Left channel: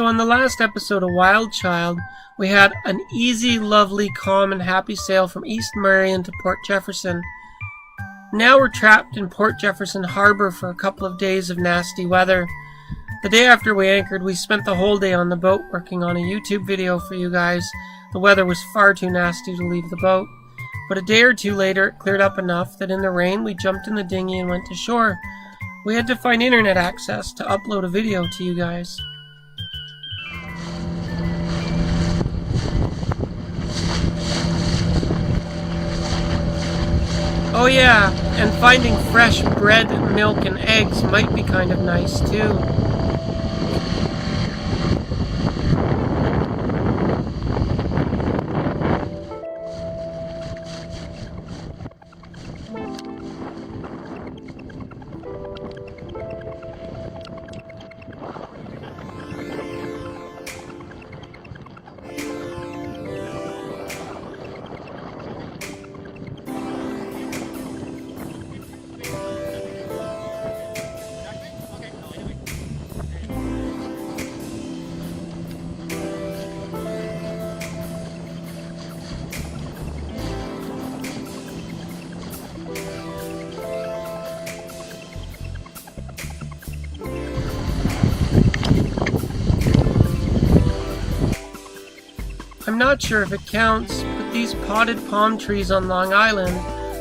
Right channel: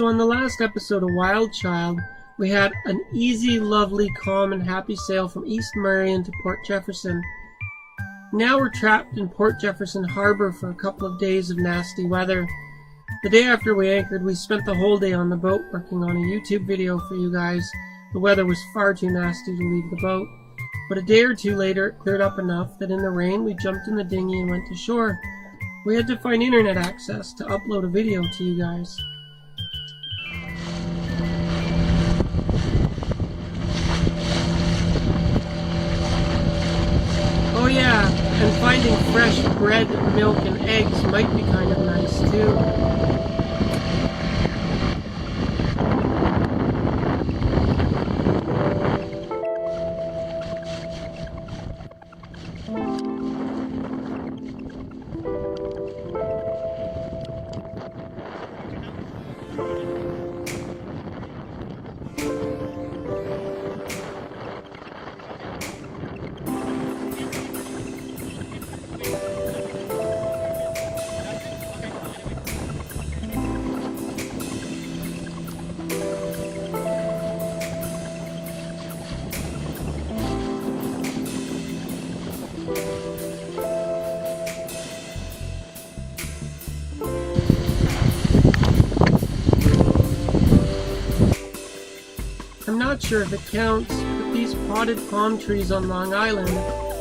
So in the last episode of WildChild, we had an easy, lovely, calm, and happy sail from East Marion to Port Jefferson. Now we're trapped in Port Jefferson Harbor for a couple of days of nasty weather. The day after we anchored, we spent the whole day on the boat working on a YouTube video for you guys. The weather was far too nasty to leave the boat. But a day or two later, it cleared up enough that in the rain, we jumped in the dinghy and went to shore. We had to find internet access to upload a video to you guys. Oh yeah, and finding fresh bread, milk, and eggs might be kind of nice too. I'm not sure if it counts, but these potted palm trees on Long Island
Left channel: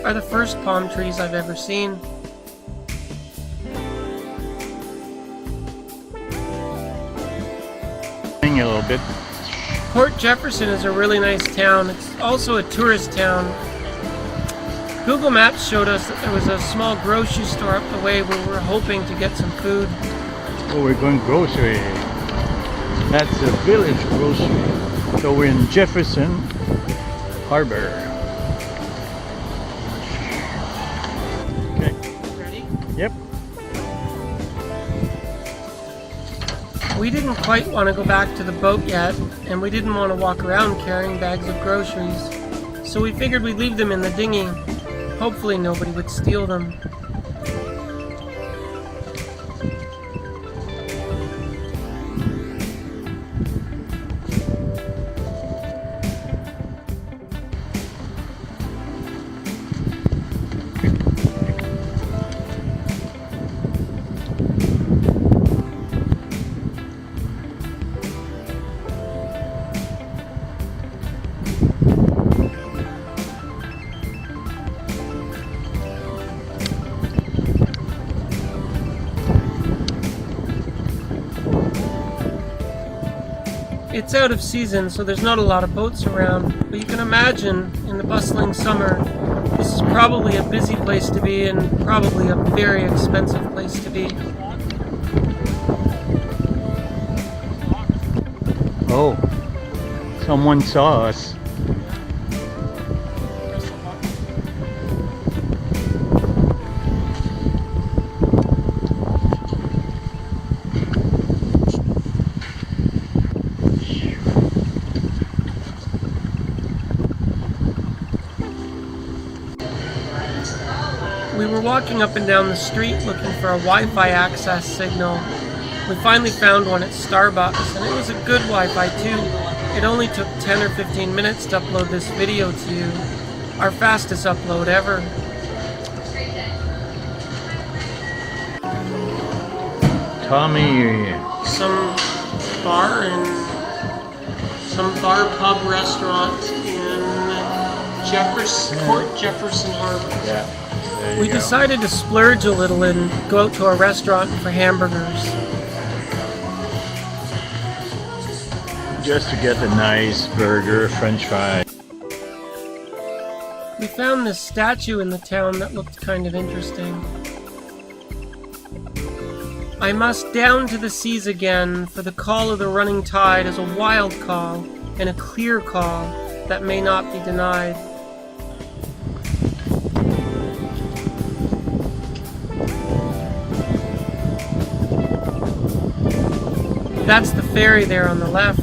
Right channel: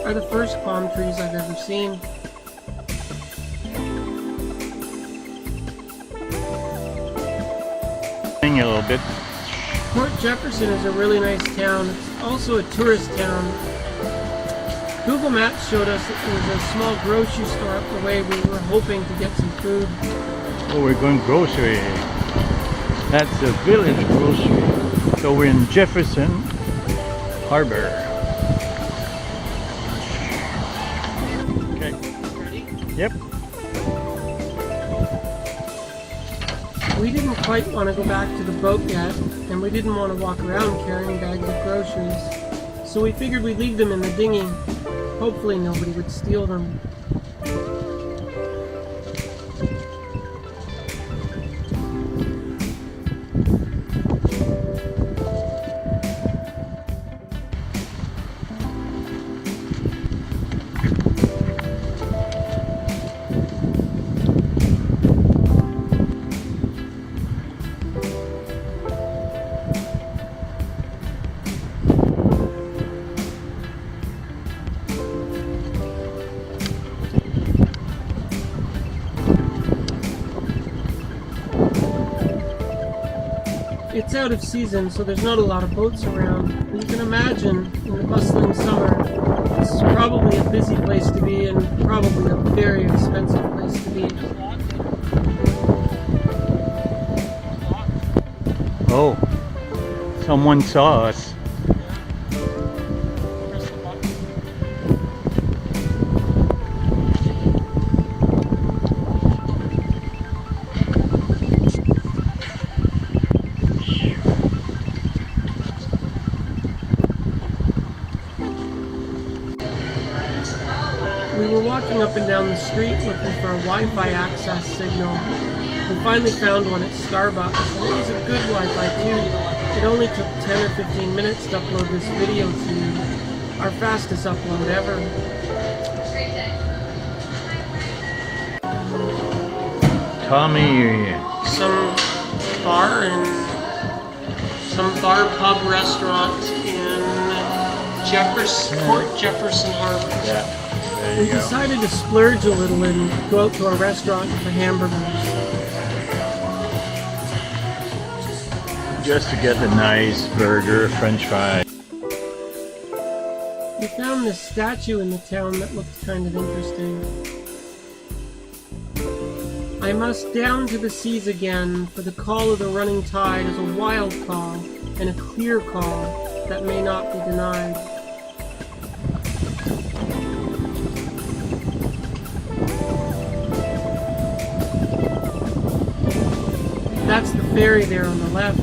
are the first palm trees I've ever seen. A little bit. Port Jefferson is a really nice town. It's also a tourist town. Google Maps showed us that there was a small grocery store up the way where we were hoping to get some food. Oh, we're going grocery. That's a village grocery. So we're in Jefferson Harbor. Okay. Ready? Yep. We didn't quite want to go back to the boat yet, and we didn't want to walk around carrying bags of groceries. So we figured we'd leave them in the dinghy. Hopefully nobody would steal them. It's out of season, so there's not a lot of boats around, but you can imagine in the bustling summer, this is probably a busy place to be and probably a very expensive place to be. Oh, someone saw us. We were walking up and down the street looking for a Wi-Fi access signal. We finally found one at Starbucks, and it was a good Wi-Fi too. It only took 10 or 15 minutes to upload this video to you. Our fastest upload ever. Tommy. Some bar pub restaurant in Port Jefferson Harbor. Yeah. We decided to splurge a little and go out to a restaurant for hamburgers. Just to get a nice burger, french fry. We found this statue in the town that looked kind of interesting. I must down to the seas again, for the call of the running tide is a wild call and a clear call that may not be denied. That's the ferry there on the left.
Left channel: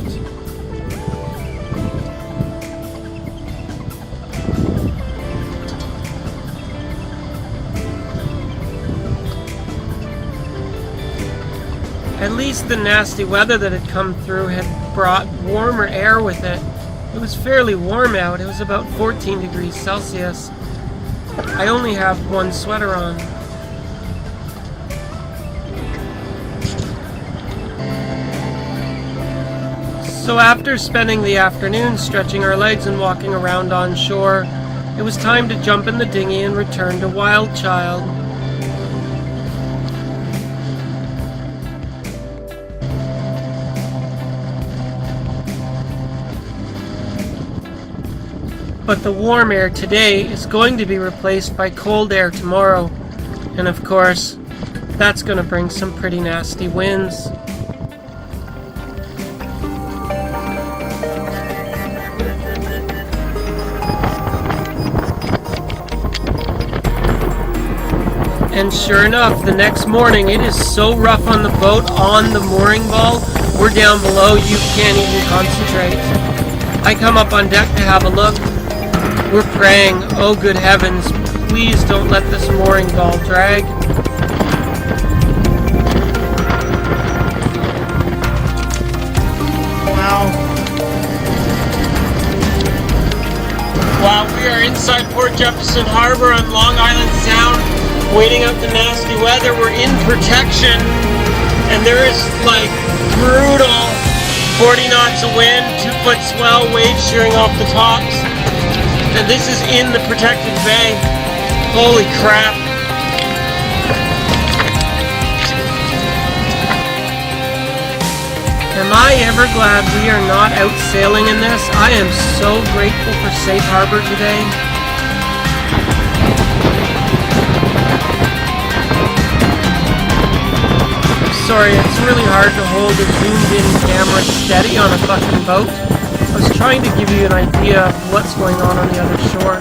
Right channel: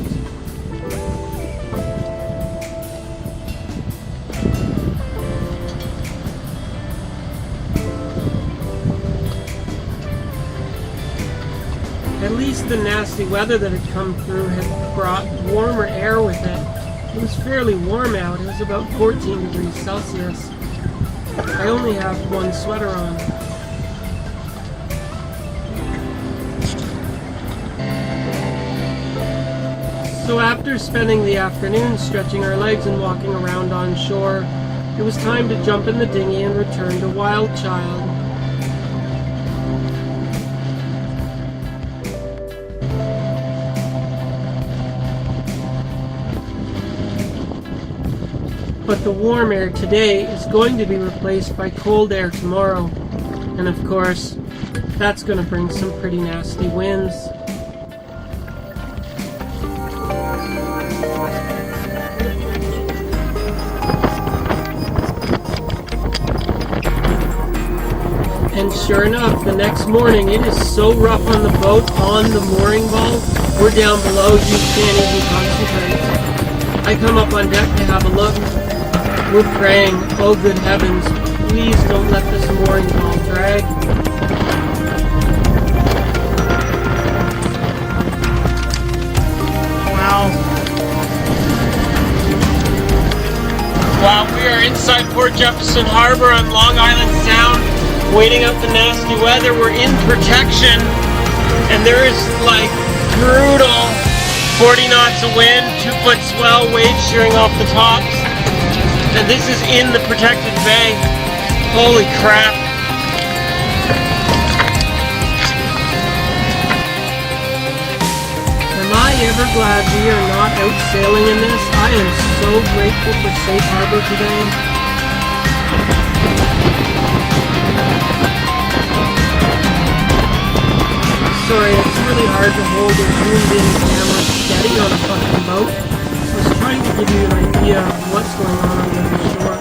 At least consistent nasty weather that had come through had brought warmer air with it. It was fairly warm out. It was about 14 degrees Celsius. I only have one sweater on. So after spending the afternoon stretching our legs and walking around on shore, it was time to jump in the dinghy and return to WildChild. But the warm air today is going to be replaced by cold air tomorrow. And of course, that's going to bring some pretty nasty winds. And sure enough, the next morning it is so rough on the boat, on the mooring ball, we're down below, you can't even concentrate. I come up on deck to have a look. We're praying, oh good heavens, please don't let this mooring ball drag. Wow. Wow, we are inside Port Jefferson Harbor on Long Island Sound, waiting out the nasty weather. We're in protection, and there is like brutal 40 knots of wind, 2-foot swell, waves shearing off the tops. And this is in the protected bay. Holy crap. Am I ever glad we are not out sailing in this? I am so grateful for safe harbor today. Sorry, it's really hard to hold a zoomed-in camera steady on a fucking boat. I was trying to give you an idea of what's going on the other shore.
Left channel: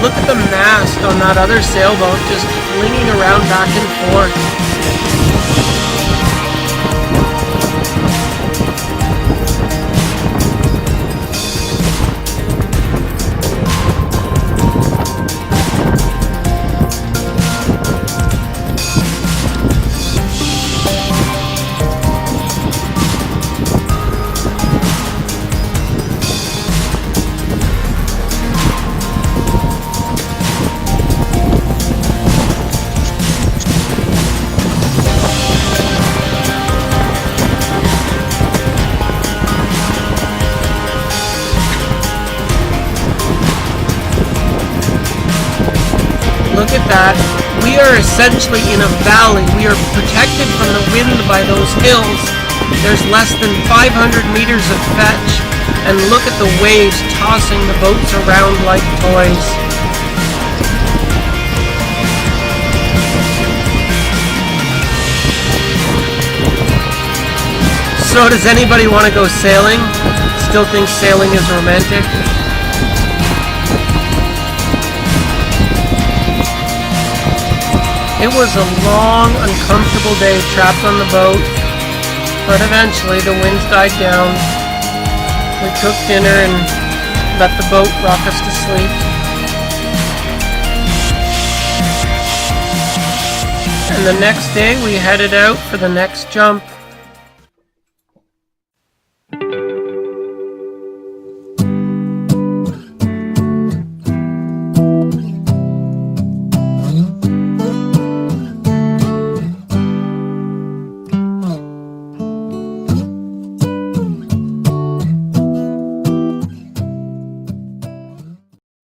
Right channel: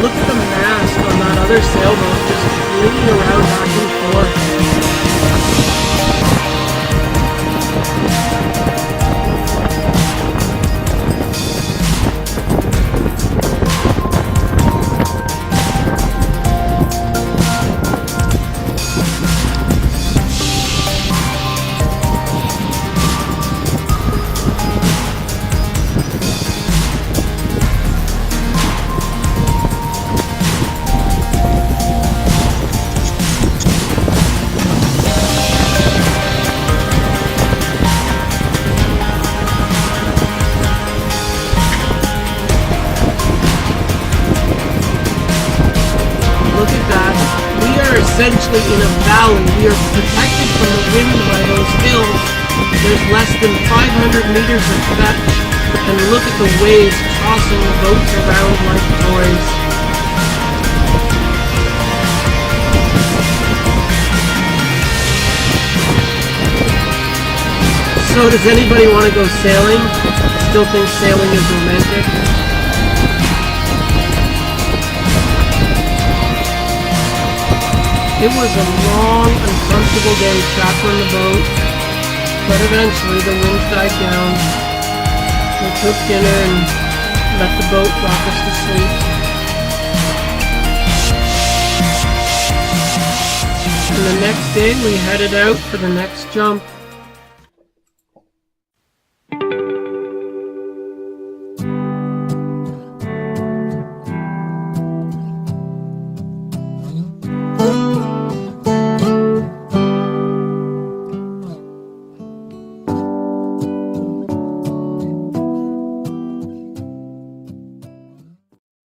Look at the mast on that other sailboat just flinging around back and forth. Look at that. We are essentially in a valley. We are protected from the wind by those hills. There's less than 500 meters of fetch. And look at the waves tossing the boats around like toys. So does anybody want to go sailing? Still think sailing is romantic? It was a long, uncomfortable day trapped on the boat, but eventually the winds died down. We cooked dinner and let the boat rock us to sleep. And the next day we headed out for the next jump.